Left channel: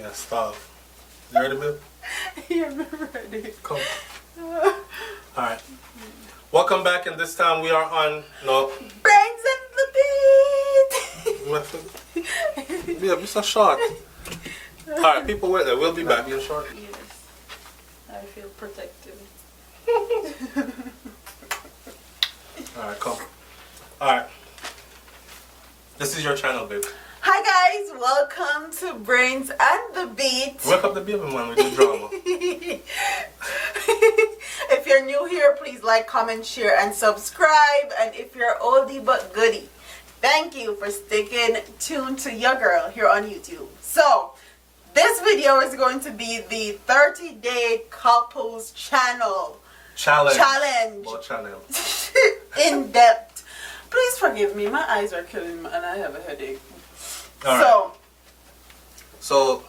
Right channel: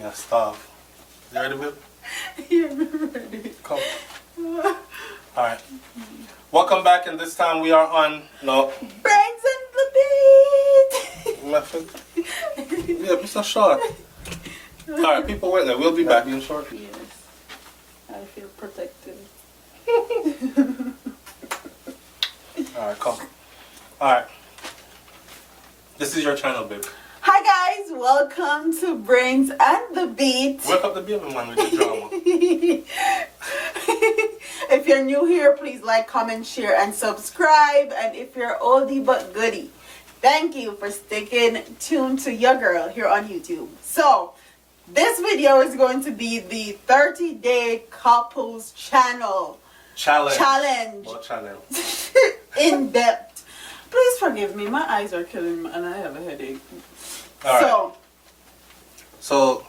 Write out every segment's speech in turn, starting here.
Yeah, starve. You ready, babe? Yeah, I'm ready. Come. Alright. Welcome back, and this time we are on Brains and the Beat! Yeah, be so short. Alright, people wait there. We'll be back in short. Yes. I feel protected. Alright, come. Alright. This is your channel, babe. Hi guys, welcome to Brains and the Beat. Wake up the baby man with the drama. If you're new here, please like, comment, share, and subscribe. And if you're oldie but goodie, thank you for sticking tuned to your girl here on YouTube. So, this video is going to be the 30-day couples challenge. What channel? In depth. Please forgive me, my eyes are killing me and I have a headache. Alright. So,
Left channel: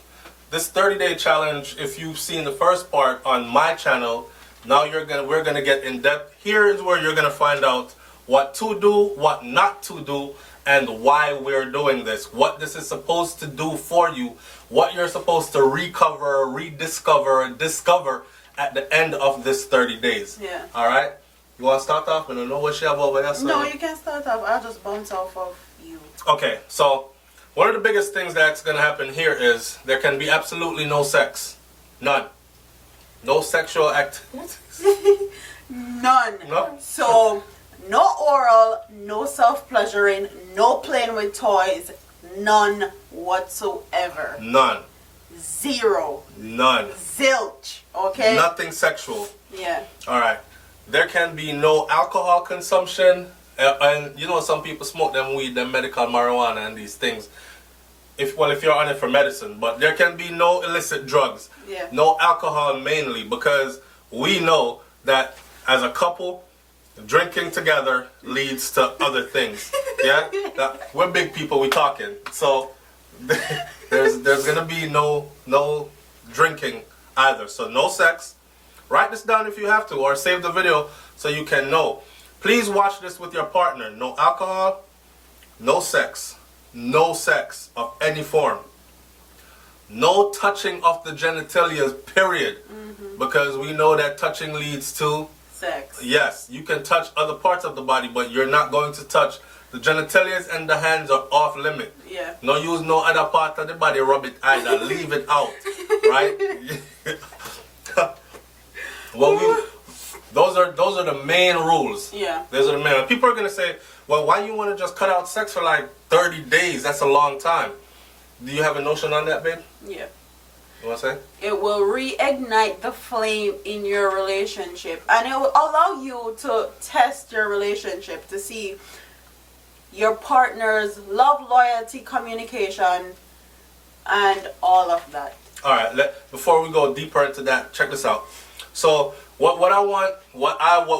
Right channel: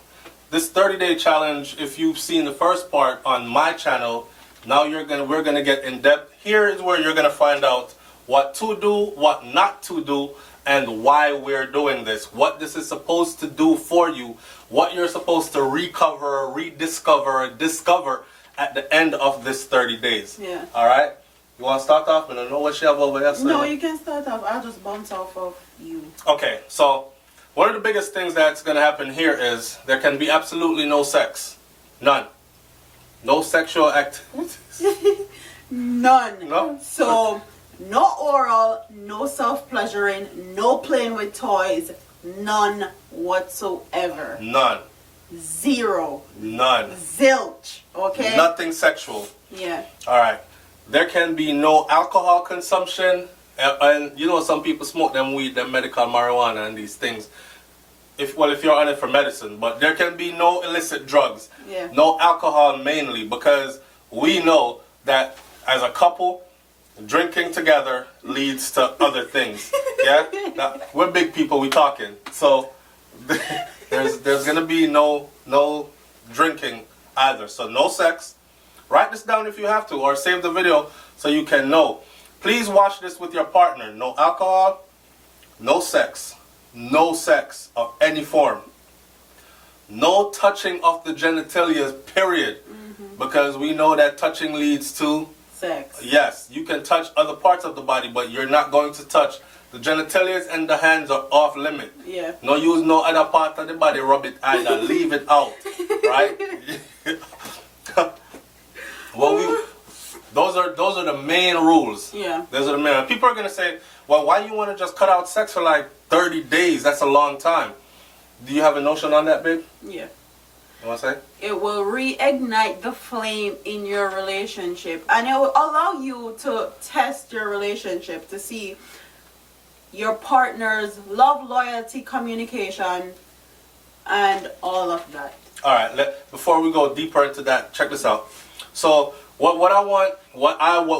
this 30-day challenge, if you've seen the first part on my channel, now we're gonna get in depth. Here is where you're gonna find out what to do, what not to do, and why we're doing this. What this is supposed to do for you, what you're supposed to recover, rediscover, discover at the end of this 30 days. Yeah. Alright? You wanna start off? I don't know what you have over there. No, you can start off. I'll just bounce off of you. Okay, so one of the biggest things that's going to happen here is there can be absolutely no sex. None. No sexual activities. None. No? So, no oral, no self-pleasuring, no playing with toys, none whatsoever. None. Zero. None. Zilch. Okay? Nothing sexual. Yeah. Alright. There can be no alcohol consumption. And you know, some people smoke them weed, them medical marijuana and these things. If you're on it for medicine. But there can be no illicit drugs. Yeah. No alcohol mainly, because we know that as a couple, drinking together leads to other things. Yeah? We're big people, we talking. So there's gonna be no drinking either. So no sex. Write this down if you have to, or save the video so you can know. Please watch this with your partner. No alcohol, no sex. No sex of any form. No touching of the genitalia, period. Mm-hmm. Because we know that touching leads to sex. Yes, you can touch other parts of the body, but you're not going to touch. The genitalia and the hands are off limit. Yeah. No use no other part of the body, rub it either. Leave it out. Right? Those are the main rules. Yeah. Those are the main. People are gonna say, well, why you want to just cut out sex for like 30 days? That's a long time. Do you have a notion on that, babe? Yeah. You want to say? It will reignite the flame in your relationship, and it will allow you to test your relationship to see your partner's love, loyalty, communication, and all of that. All right. Before we go deeper into that, check this out. So what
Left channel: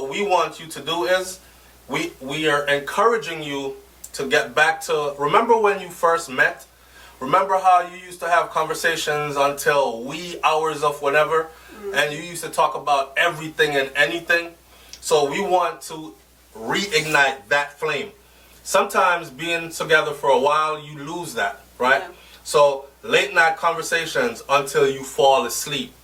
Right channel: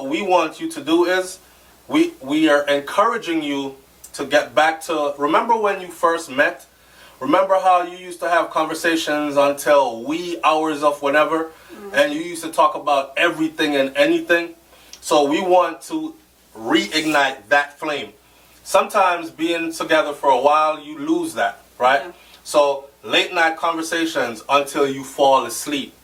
we want you to do is we are encouraging you to get back to, remember when you first met? Remember how you used to have conversations until wee hours of whenever, and you used to talk about everything and anything? So we want to reignite that flame. Sometimes being together for a while, you lose that, right? Yeah. So late night conversations until you fall asleep.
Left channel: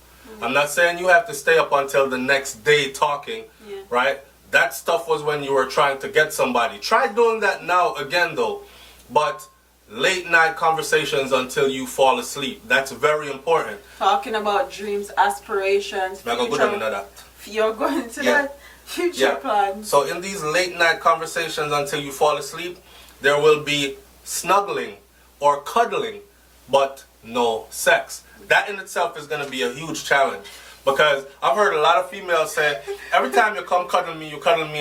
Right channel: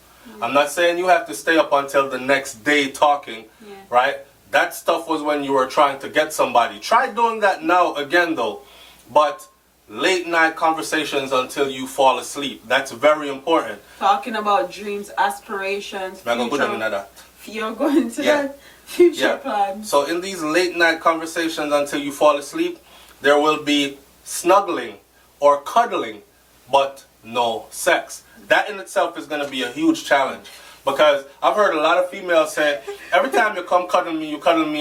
I'm not saying you have to stay up until the next day talking, right? That stuff was when you were trying to get somebody. Try doing that now again, though. But late night conversations until you fall asleep. That's very important. Talking about dreams, aspirations, future. You're going to that future plans. So in these late night conversations until you fall asleep, there will be snuggling or cuddling, but no sex. That in itself is going to be a huge challenge, because I've heard a lot of females say, every time you come cuddle me,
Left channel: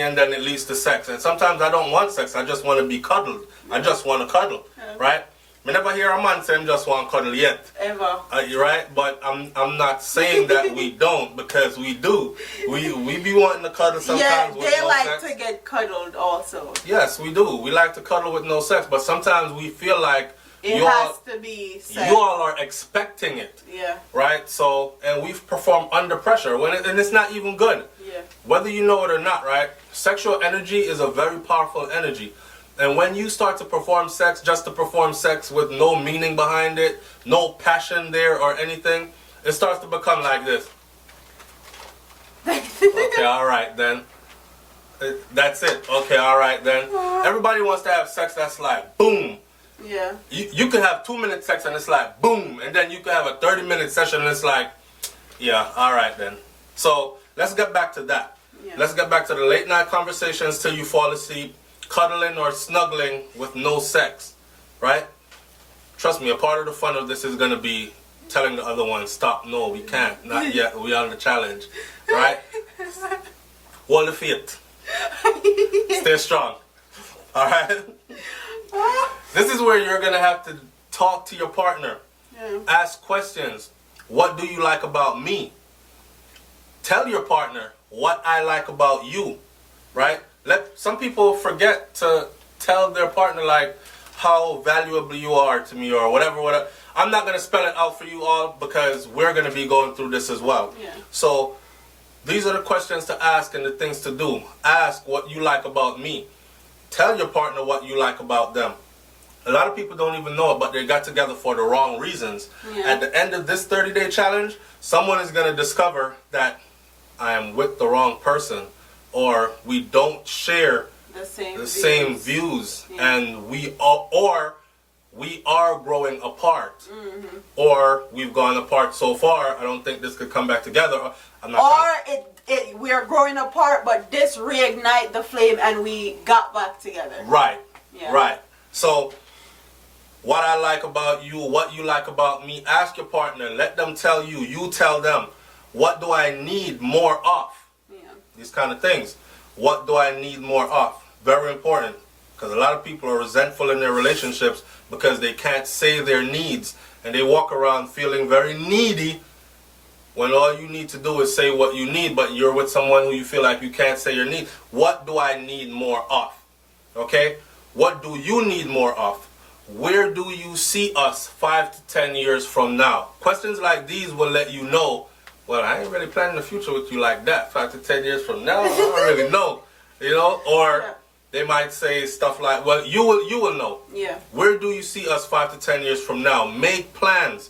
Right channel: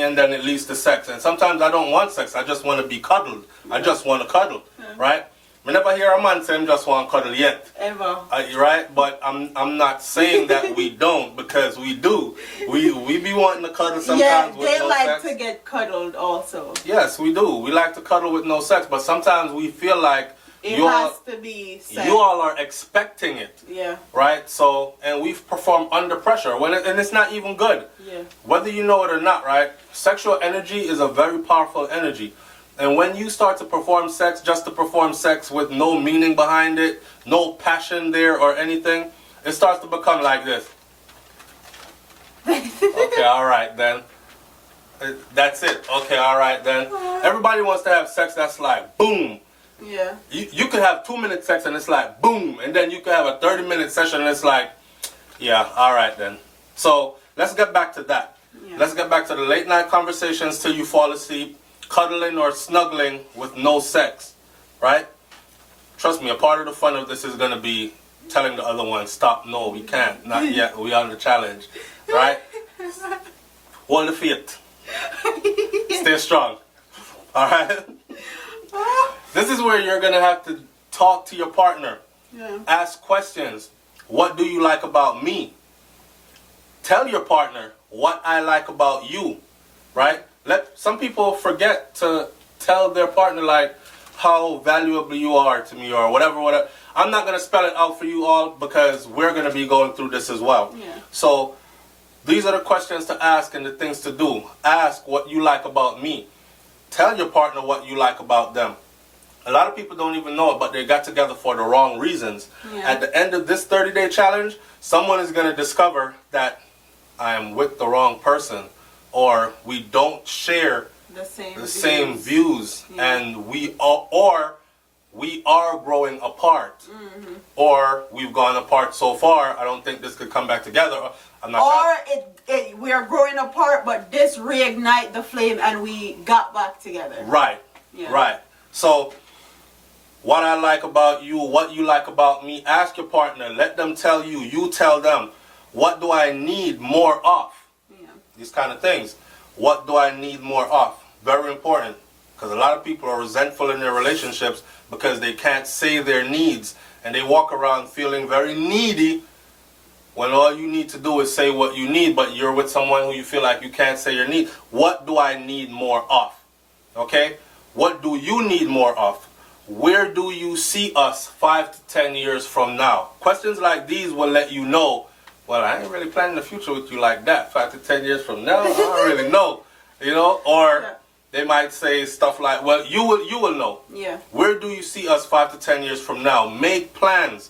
and then it leads to sex. And sometimes I don't want sex, I just want to be cuddled. I just want to cuddle, right? I never hear a man say I just want to cuddle yet. Ever. Right? But I'm not saying that we don't, because we do. We be wanting to cuddle sometimes with no sex. Yeah, they like to get cuddled also. Yes, we do. We like to cuddle with no sex, but sometimes we feel like it has to be sex. You all are expecting it. Yeah. Right? So, and we perform under pressure and it's not even good. Yeah. Whether you know it or not, right? Sexual energy is a very powerful energy. And when you start to perform sex just to perform sex with no meaning behind it, no passion there or anything, it starts to become like this. Okay, all right then. That's it. Okay, all right then. Everybody wants to have sex that's like boom. Yeah. You could have 2-minute sex and it's like boom, and then you could have a 30-minute session and it's like, yeah, all right then. So let's get back to that. Yeah. Let's get back to the late night conversations till you fall asleep, cuddling or snuggling with no sex, right? Trust me, a part of the fun of this is going to be telling the other one, stop, no, we can't, not yet, we are on the challenge, right? Hold the faith. Stay strong, all right? This is where you're going to have to talk to your partner, ask questions. What do you like about me? Tell your partner what I like about you, right? Some people forget to tell their partner like how valuable you are to me or whatever. I'm not gonna spell it out for you all because we're gonna be going through this as well. Yeah. So these are the questions to ask and the things to do. Ask what you like about me. Tell your partner what you like about them. A lot of people don't even know it, but they got together for the wrong reasons. Yeah. At the end of this 30-day challenge, someone is gonna discover that I am with the wrong person, or we don't share the same views, yeah. and we are growing apart, or we've gone apart so far. I don't think this could come back together. I'm not. We are growing apart, but this reignite the flame, and we got back together. Right. Yeah. Right. So, what I like about you, what you like about me. Ask your partner. Let them tell you. You tell them. What do I need more of? Yeah. These kind of things. What do I need more of? Very important. Because a lot of people are resentful in their relationships because they can't say their needs. And they walk around feeling very needy when all you need to do is say what you need, but you're with someone who you feel like you can't say your need. What do I need more of? Okay? What do you need more of? Where do you see us 5 to 10 years from now? Questions like these will let you know, well, I ain't really planning the future with you like that. 5 to 10 years from now, I don't really know. You know? Or they might say stuff like, well, you will know. Yeah. Where do you see us 5 to 10 years from now? Make plans.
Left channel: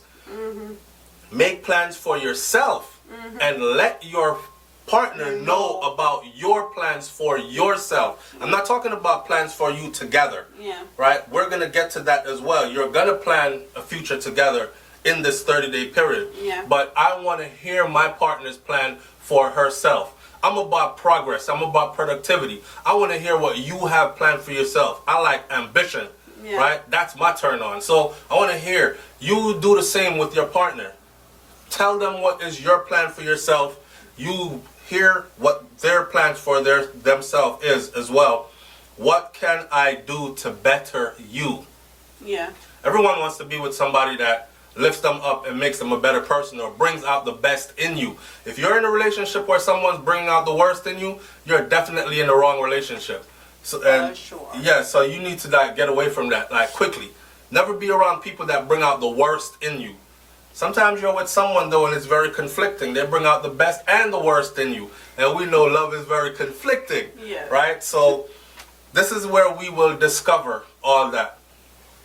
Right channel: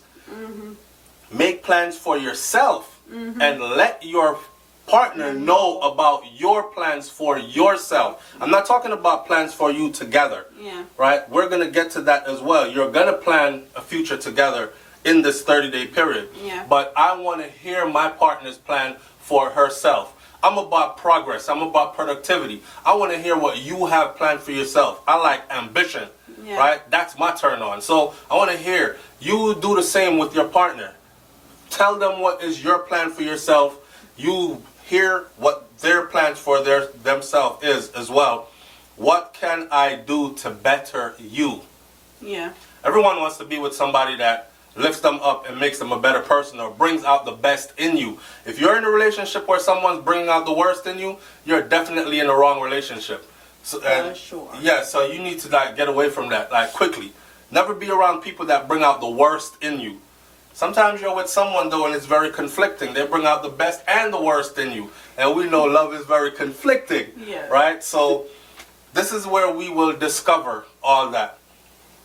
Make plans for yourself. And let your partner know about your plans for yourself. I'm not talking about plans for you together. Yeah. Right? We're going to get to that as well. You're going to plan a future together in this 30-day period. Yeah. But I want to hear my partner's plan for herself. I'm about progress. I'm about productivity. I want to hear what you have planned for yourself. I like ambition. Yeah. Right? That's my turn on. So I want to hear you do the same with your partner. Tell them what is your plan for yourself. You hear what their plans for themselves is as well. What can I do to better you? Yeah. Everyone wants to be with somebody that lifts them up and makes them a better person or brings out the best in you. If you're in a relationship where someone's bringing out the worst in you, you're definitely in the wrong relationship. So, and sure. Yeah, so you need to get away from that quickly. Never be around people that bring out the worst in you. Sometimes you're with someone though and it's very conflicting. They bring out the best and the worst in you. And we know love is very conflicting. Yeah. Right? So this is where we will discover all that.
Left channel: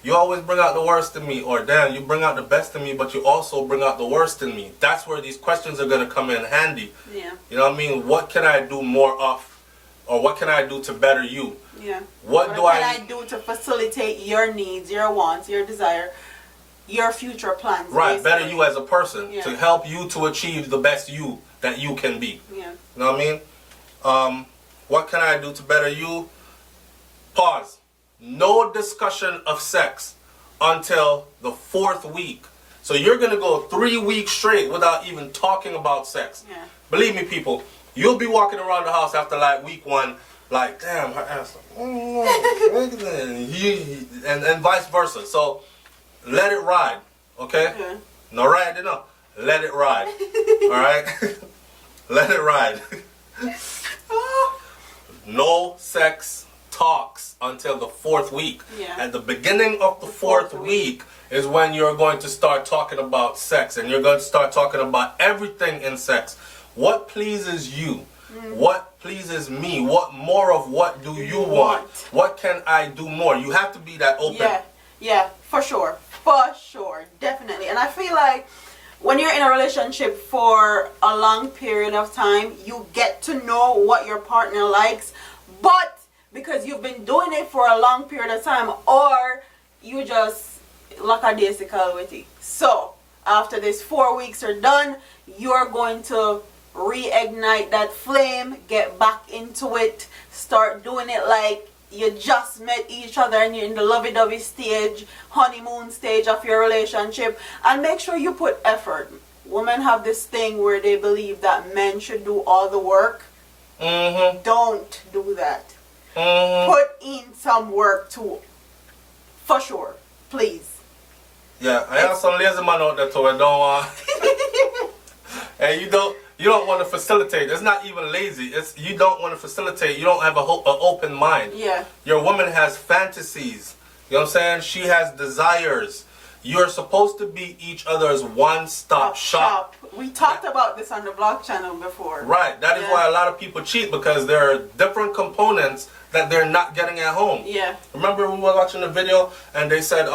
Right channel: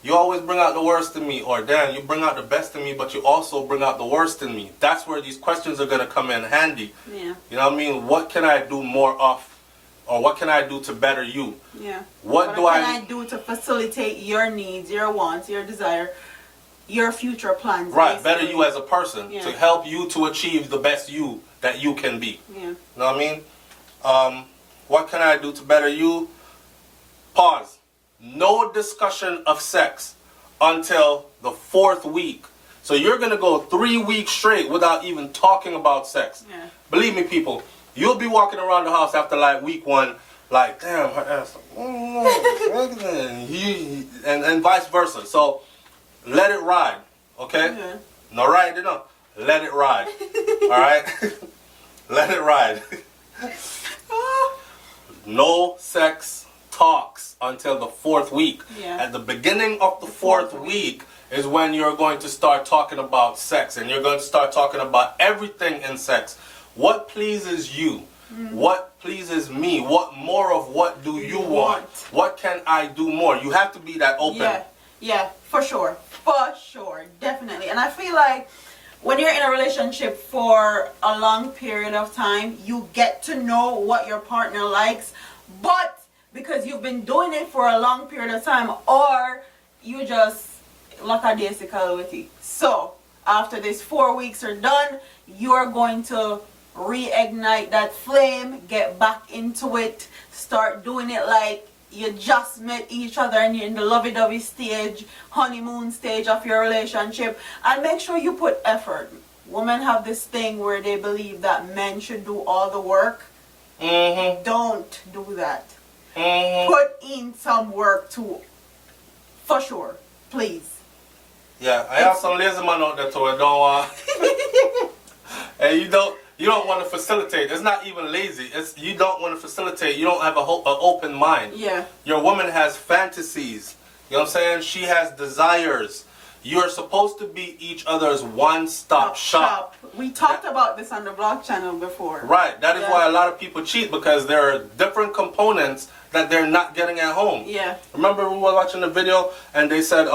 You always bring out the worst in me, or damn, you bring out the best in me, but you also bring out the worst in me. That's where these questions are going to come in handy. Yeah. You know what I mean? What can I do more of? Or what can I do to better you? Yeah. What can I do to facilitate your needs, your wants, your desire, your future plans? Right, basically. better you as a person. Yeah. To help you to achieve the best you that you can be. Yeah. You know what I mean? What can I do to better you? Pause. No discussion of sex until the 4th week. So you're going to go 3 weeks straight without even talking about sex. Yeah. Believe me, people, you'll be walking around the house after like week 1, like, damn, her ass, and vice versa. So let it ride, okay? Yeah. No ride, you know. Let it ride. All right? Let it ride. No sex talks until the 4th week. Yeah. At the beginning of the 4th week is when you're going to start talking about sex, and you're going to start talking about everything in sex. What pleases you? What pleases me? What more of what do you want? What can I do more? You have to be that open. Yeah, for sure. For sure. Definitely. And I feel like when you're in a relationship for a long period of time, you get to know what your partner likes, but because you've been doing it for a long period of time, or you just lackadaisical with it. So after these 4 weeks are done, you're going to reignite that flame, get back into it, start doing it like you just met each other and you're in the lovey-dovey stage, honeymoon stage of your relationship, and make sure you put effort. Women have this thing where they believe that men should do all the work. Don't do that. Put in some work too. For sure. Please. Yeah, I have some lazy man out there too. I don't want. And you don't want to facilitate. It's not even lazy. It's you don't want to facilitate. You don't have an open mind. Yeah. Your woman has fantasies. You know what I'm saying? She has desires. You are supposed to be each other's one-stop shop. We talked about this on the vlog channel before. Right. That is why a lot of people cheat, because there are different components that they're not getting at home. Yeah. Remember we were watching the video and they said,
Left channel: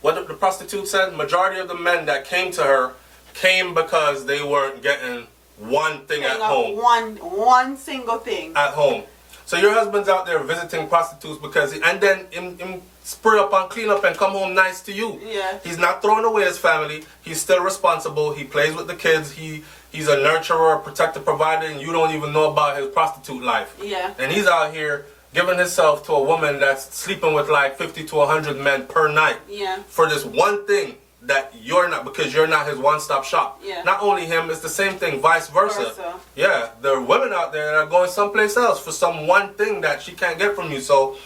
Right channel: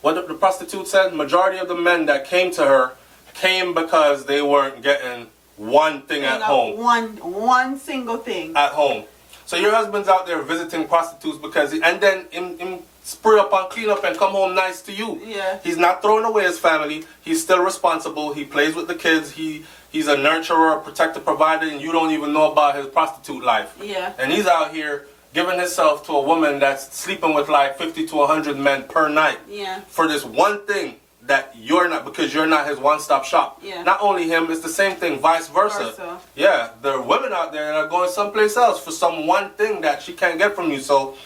what the prostitute said? Majority of the men that came to her came because they weren't getting one thing at home. One single thing. At home. So your husband's out there visiting prostitutes because, and then him spray up and clean up and come home nice to you. Yeah. He's not throwing away his family. He's still responsible. He plays with the kids. He's a nurturer, a protector, provider, and you don't even know about his prostitute life. Yeah. And he's out here giving himself to a woman that's sleeping with like 50 to 100 men per night. Yeah. For this one thing that you're not, because you're not his one-stop shop. Yeah. Not only him, it's the same thing, vice versa. Yeah, there are women out there that are going someplace else for some one thing that she can't get from you. So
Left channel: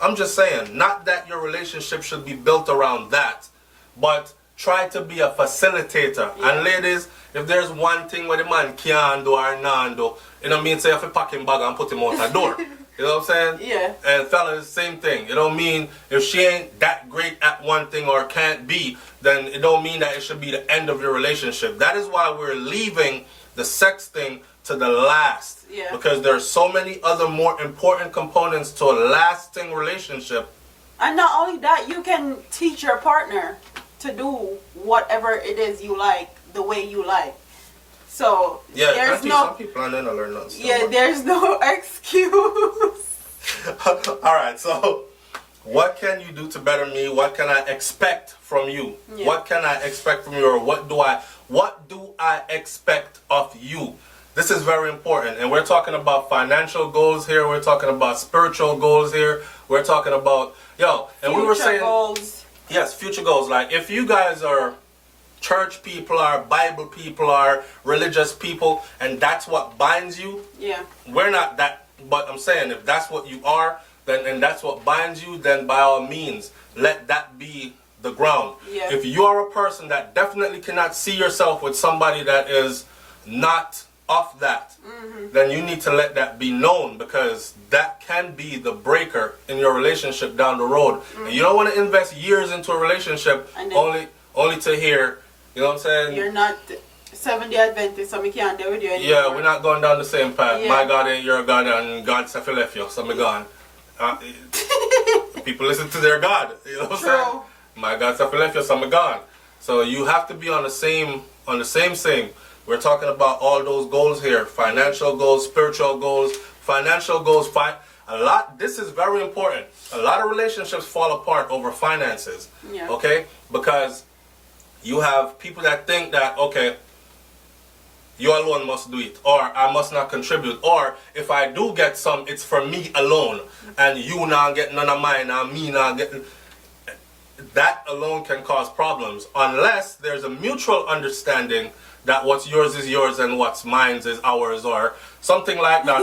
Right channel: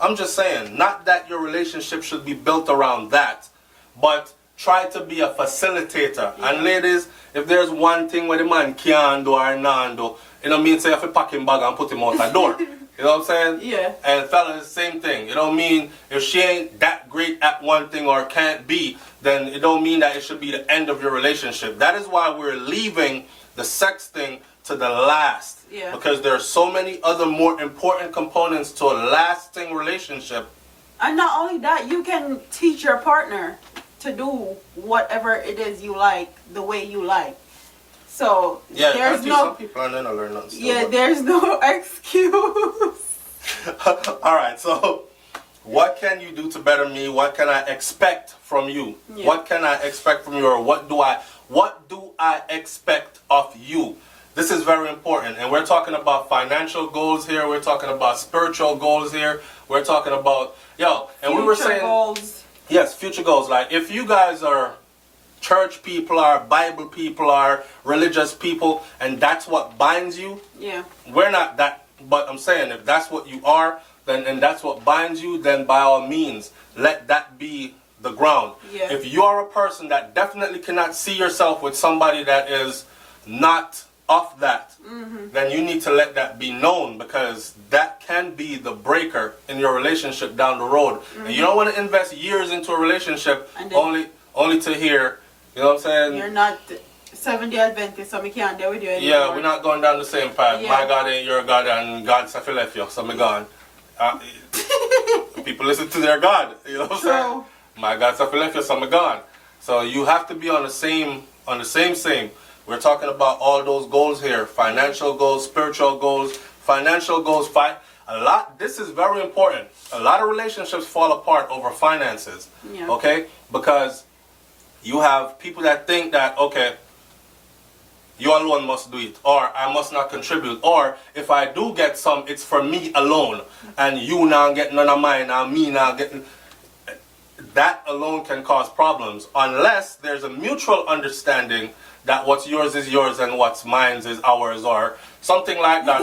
I'm just saying, not that your relationship should be built around that, but try to be a facilitator. Yeah. And ladies, if there's one thing where the man can't do or not do, it don't mean say you have to pack him bag and put him out the door. You know what I'm saying? Yeah. And fellas, same thing. It don't mean if she ain't that great at one thing or can't be, then it don't mean that it should be the end of your relationship. That is why we're leaving the sex thing to the last. Yeah. Because there are so many other more important components to a lasting relationship. And not only that, you can teach your partner to do whatever it is you like, the way you like. So Yeah, there's some people aren't gonna learn nothing still. Yeah, there's no excuse. All right, so what can you do to better me? What can I expect from you? Yeah. What can I expect from you, or what do I expect of you? This is very important, and we're talking about financial goals here. We're talking about spiritual goals here. We're talking about and we were saying goals. Yes, future goals. Like if you guys are church people, are Bible people, are religious people, and that's what binds you. Yeah. We're not that, but I'm saying if that's what you are, then and that's what binds you, then by all means, let that be the ground. Yeah. If you are a person that definitely cannot see yourself with somebody that is not off that, then you need to let that be known, because that can be the breaker in your relationship down the road. And you don't want to invest years into a relationship only to hear, you know what I'm saying? You're not Seventh-day Adventist, so we can't deal with you anymore. Yeah, we're not going down the same path. Yeah. My God ain't your God, and God said he left you, so I'm gone. People listen to their God, you know what I'm saying? My God said he left you, so I'm gone. So you have to be on the same. We're talking about all those goals here: financial goals, spiritual goals, financial goals. This is very important. A lot of relationships fall apart over finances. Yeah. Okay, because you have people that think that, okay, you alone must do it, or I must not contribute, or if I do get some, it's for me alone, and you not get none of mine, and me not getting. That alone can cause problems, unless there's a mutual understanding that what's yours is yours and what's mine is ours, or something like that,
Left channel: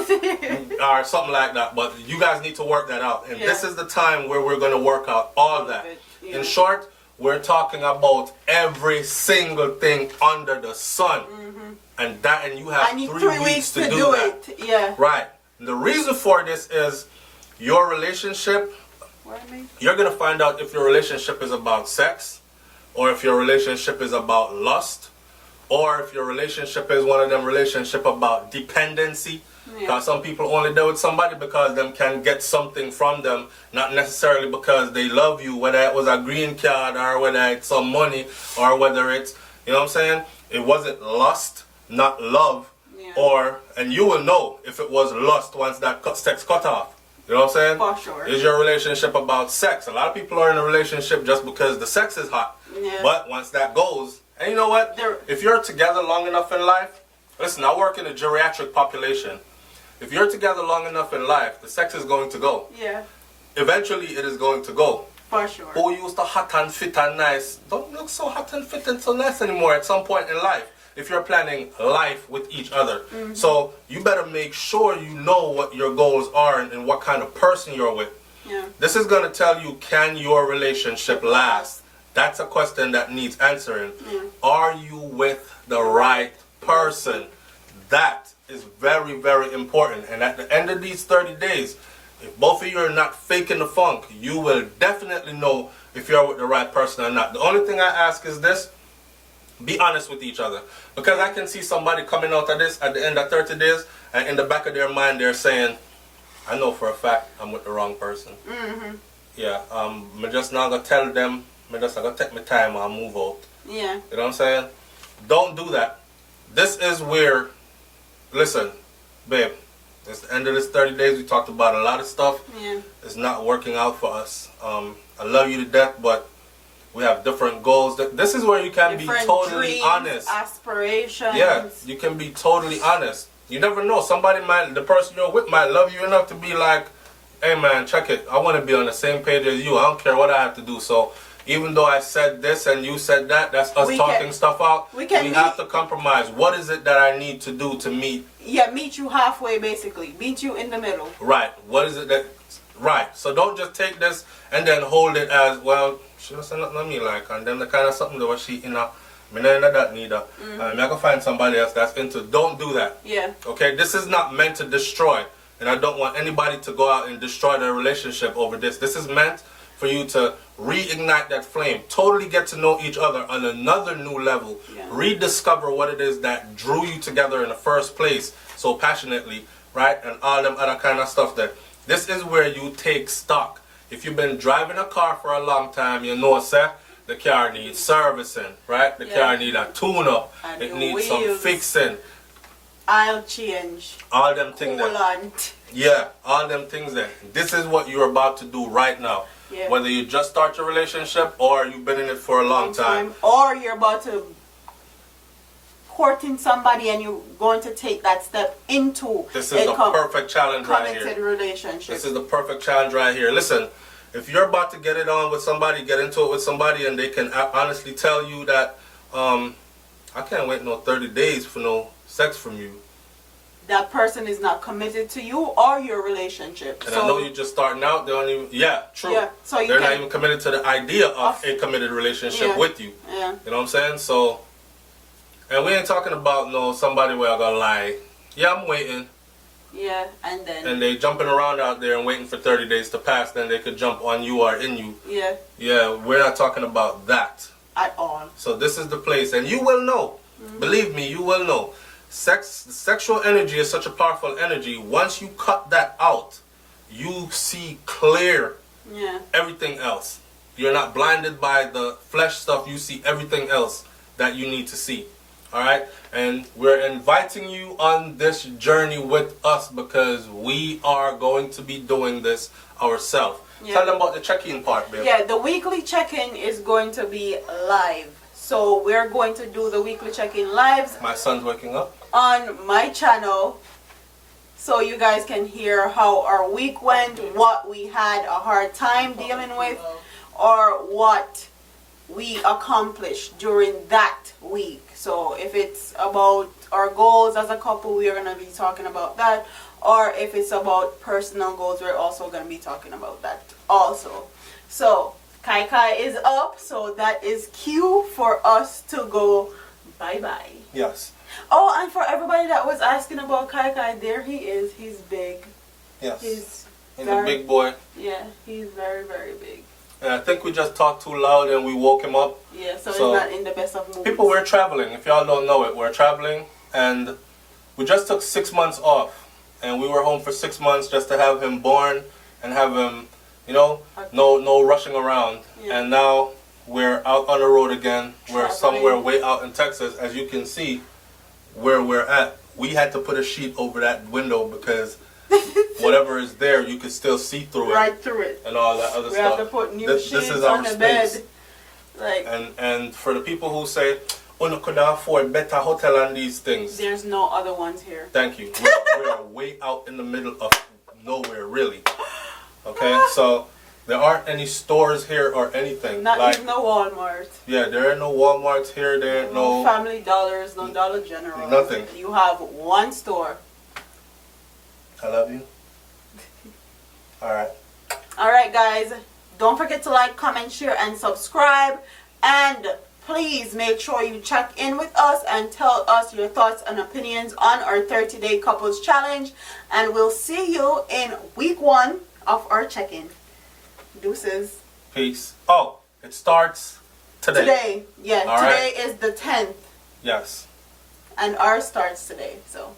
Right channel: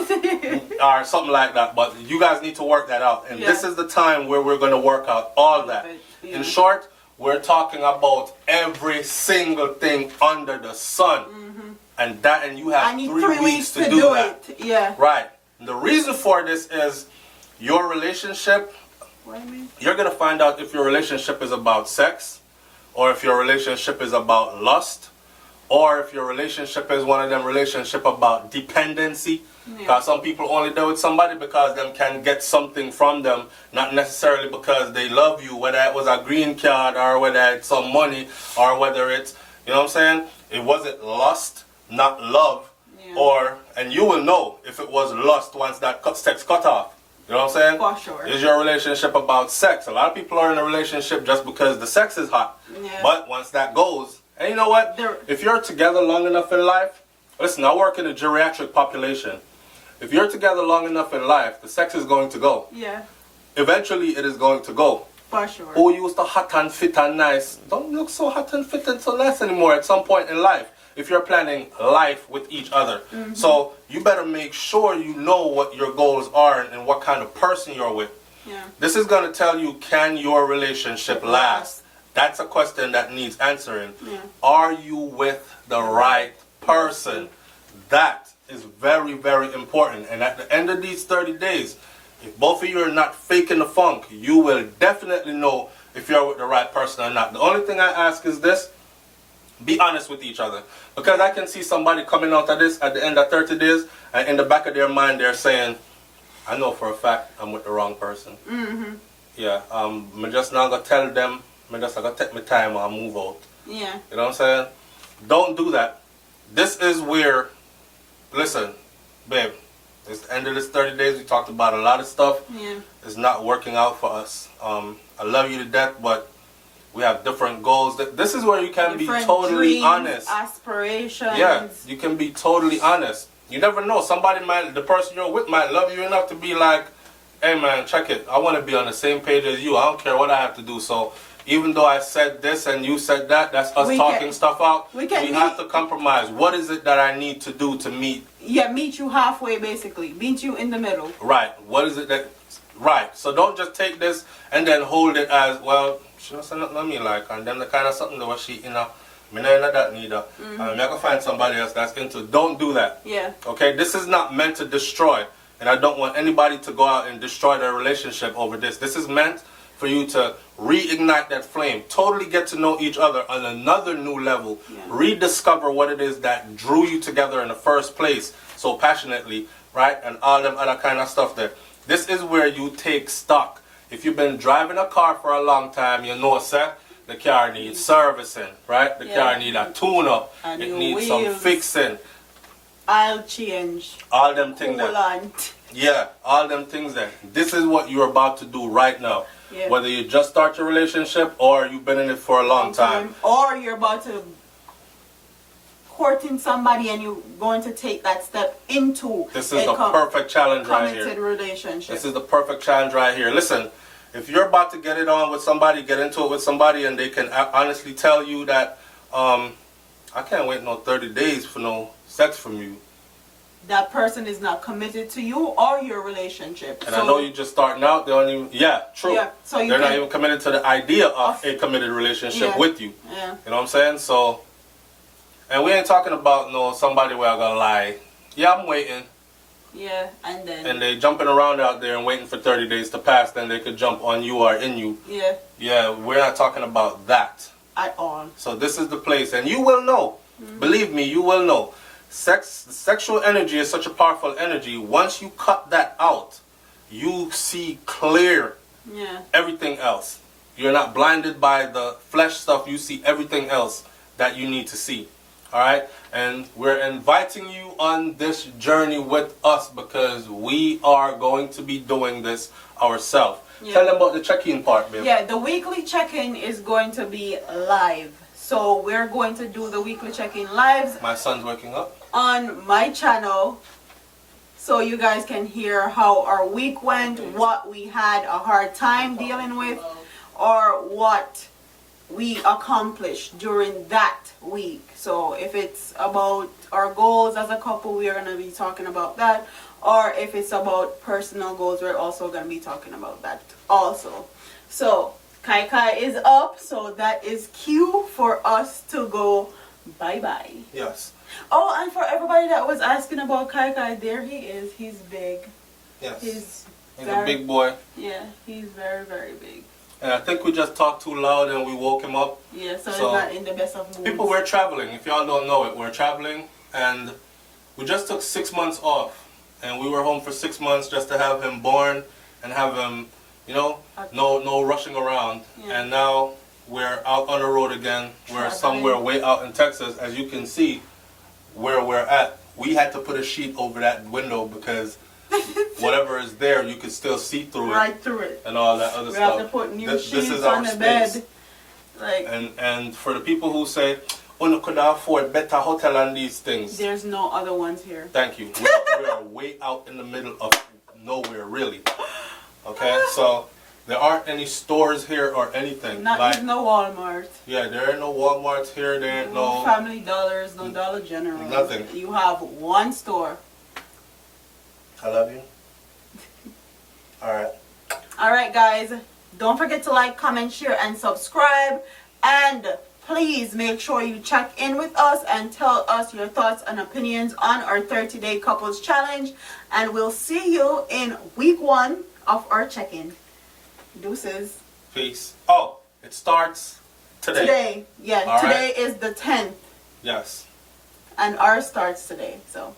or something like that. But you guys need to work that out, and this is the time where we're going to work out all that. Yeah. In short, we're talking about every single thing under the sun, and you have 3 weeks to do that. It. Yeah. Right. And the reason for this is your relationship. You're going to find out if your relationship is about sex, or if your relationship is about lust, or if your relationship is one of them relationship about dependency. Because some people only deal with somebody because them can get something from them, not necessarily because they love you, whether it was a green card or whether it's some money or whether it's, you know what I'm saying? It wasn't lust, not love, and you will know if it was lust once that sex cut off. You know what I'm saying? For sure. Is your relationship about sex? A lot of people are in a relationship just because the sex is hot. Yeah. But once that goes, and you know what? If you're together long enough in life, listen, I work in a geriatric population. If you're together long enough in life, the sex is going to go. Yeah. Eventually, it is going to go. For sure. Who used to hot and fit and nice don't look so hot and fit and so nice anymore at some point in life. If you're planning life with each other. So you better make sure you know what your goals are and what kind of person you're with. Yeah. This is going to tell you, can your relationship last? That's a question that needs answering. Yeah. Are you with the right person? That is very, very important. And at the end of these 30 days, if both of you are not faking the funk, you will definitely know if you're with the right person or not. The only thing I ask is this: be honest with each other. Because I can see somebody coming out of this at the end of 30 days, and in the back of their mind they're saying, I know for a fact I'm with the wrong person. Yeah, I'm just not going to tell them, I'm just going to take my time and move out. Yeah. You know what I'm saying? Don't do that. This is where, listen, babe, it's the end of this 30 days. We talked about a lot of stuff. Yeah. It's not working out for us. I love you to death, but we have different goals. This is where you can Different be totally dreams, honest. Aspirations. Yeah, you can be totally honest. You never know. Somebody might, the person you're with might love you enough to be like, hey man, check it. I want to be on the same page as you. I don't care what I have to do. So even though I said this and you said that, that's us talking stuff out. We have to compromise. What is it that I need to do to meet? Yeah, meet you halfway basically. Meet you in the middle. Right. What is it that... Right. So don't just take this and then hold it as, well, she don't say nothing to me like, and then the kind of something that was she, you know, me not into that neither. I can find somebody else that's into... Don't do that. Yeah. Okay? This is not meant to destroy. And I don't want anybody to go out and destroy their relationship over this. This is meant for you to reignite that flame. Totally get to know each other on another new level. Yeah. Rediscover what it is that drew you together in the first place so passionately, right? And all them other kind of stuff there. This is where you take stock. If you've been driving a car for a long time, you know, sir, the car needs servicing, right? The car needs a tune-up. It needs some fixing. I'll change. All them things there. Yeah, all them things there. This is what you're about to do right now. Yeah. Whether you just start your relationship or you've been in it for a long time. Or you're about to courting somebody and you're going to take that step into this is the perfect challenge right here. Committed relationship. This is the perfect challenge right here. Listen, if you're about to get it on with somebody, get into it with somebody, and they can honestly tell you that I can't wait no 30 days for no sex from you. That person is not committed to you or your relationship. And so, I know you're just starting out. They don't even. Yeah, true. Yeah, so they're not even committed to the idea of a committed relationship with you. Yeah. You know what I'm saying? So, and we ain't talking about no somebody where I'm gonna lie. Yeah, I'm waiting. Yeah, and then. And they jumping around out there and waiting for 30 days to pass. Then they could jump on you or in you. Yeah. Yeah, we're not talking about that at all. So this is the place, and you will know. Believe me, you will know. Sexual energy is such a powerful energy. Once you cut that out, you see clear everything else. You're not blinded by the flesh stuff. You see everything else that you need to see. All right? And we're inviting you on this journey with us because we are going to be doing this ourselves. Yeah. Tell them about the check-in part, babe. Yeah, the weekly check-in is going to be live. So we're going to do the weekly check-in lives. My son's waking up. On my channel, so you guys can hear how our week went, what we had a hard time dealing with, or what we accomplished during that week. So if it's about our goals as a couple, we are going to be talking about that. Or if it's about personal goals, we're also going to be talking about that also. So Kai Kai is up, so that is cue for us to go bye-bye. Yes. Oh, and for everybody that was asking about Kai Kai, there he is. He's big. Yes. He's a big boy. Yeah, he's very, very big. And I think we just talked too loud and we woke him up. Yeah, so So, it's not in the best of moods. People, we're traveling. If y'all don't know it, we're traveling. And we just took 6 months off. And we were home for 6 months just to have him born and have him, you know, no rushing around. Yeah. And now we're out on the road again. We're somewhere way out in Texas. As you can see where we're at. We had to put a sheet over that window because whatever is there, you can still see through it. Right through it. And all that other we stuff. We have to put new this sheets is on our the space. bed. Like, and for the people who say, oh, no, could afford better hotel and these things. There's no other ones here. Thank you. We are way out in the middle of nowhere, really. Okay, so there aren't any stores here or anything. Not like even no Walmart. Yeah, there are no Walmarts here. There ain't no Family Dollars, no Dollar General. Nothing. You have one store. I love you. All right. All right, guys. Don't forget to like, comment, share, and subscribe. And please make sure you check in with us and tell us your thoughts and opinions on our 30-day couples challenge. And we'll see you in week 1 of our check-in. Deuces. Peace. Oh, it starts today. Today. Yeah, all today right. is the 10th. Yes. And ours starts today. So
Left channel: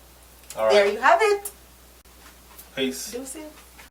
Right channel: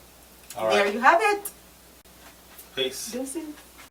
all right. there you have it. Peace. Deuces.